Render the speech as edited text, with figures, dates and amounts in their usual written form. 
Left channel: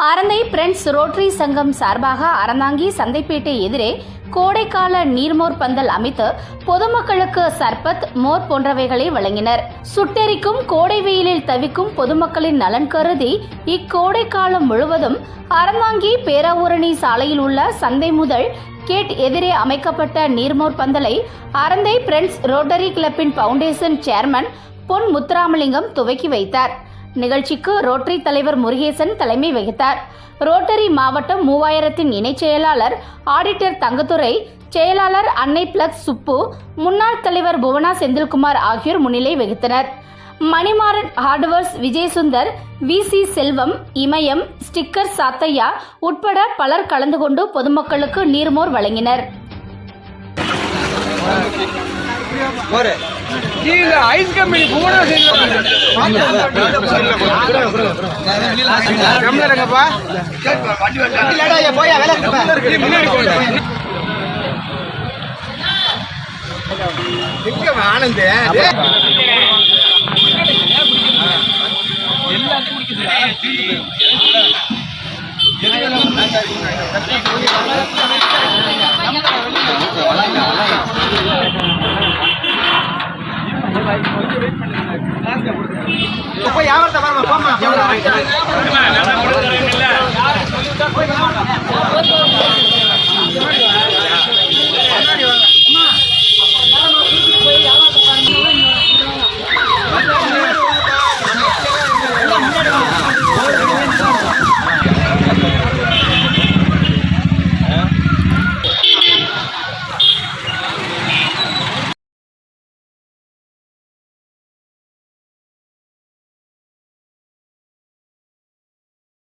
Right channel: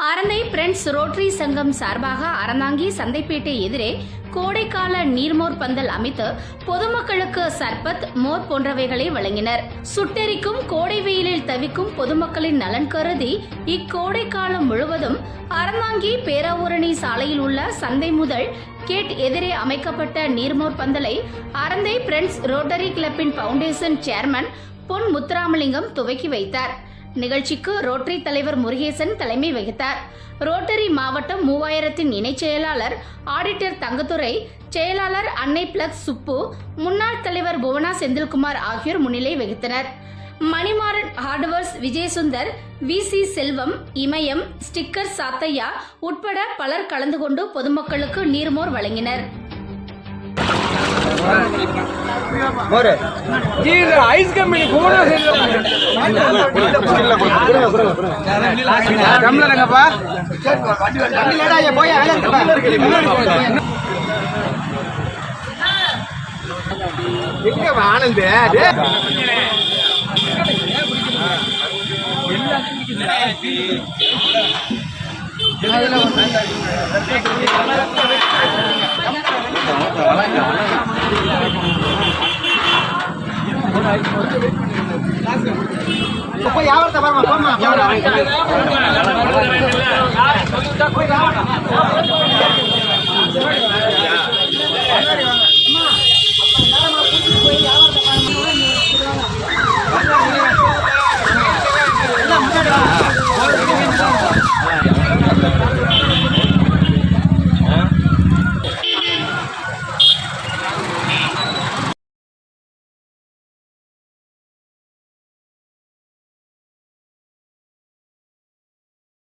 Aranthai friends rotary சங்கம் சார்பாக அறந்தாங்கி சந்தைப்பேட்டை எதிரே கோடைக்கால நீர்மோர் பந்தல் அமைத்து பொதுமக்களுக்கு சர்பத், மோர் போன்றவைகளை வழங்கினர். சுட்டெரிக்கும் கோடை வெயிலில் தவிக்கும் பொதுமக்களின் நலன் கருதி இக்கோடை காலம் முழுவதும் அறந்தாங்கி பேராவூரணி சாலையில் உள்ள சந்தை முதல் கேட் எதிரே அமைக்கப்பட்ட நீர்மோர் பந்தலை அரந்தை பிரெண்ட்ஸ் ரோட்டரி கிளப்பின் பவுண்டேஷன் சேர்மன் பொன் முத்துராமலிங்கம் துவக்கி வைத்தார். நிகழ்ச்சிக்கு ரோட்டரி தலைவர் முருகேசன் தலைமை வகித்தார். ரோட்டரி மாவட்டம் 3000 இணைச் செயலாளர் ஆடிட்டர் தங்கத்துரை, செயலாளர் அன்னை பிளக்ஸ் சுப்பு, முன்னாள் தலைவர் புவனா செந்தில்குமார் ஆகியோர் முன்னிலை வகித்தனர். மணிமாறன் ஹார்ட்வேர்ஸ் விஜயசுந்தர், VC செல்வம், இமயம், ஸ்டிக்கர் சாத்தையா உட்பட பலர் கலந்து கொண்டு பொதுமக்களுக்கு நீர்மோர் வழங்கினர். ஐஸ் கம்பெனி கூட ஆனந்த்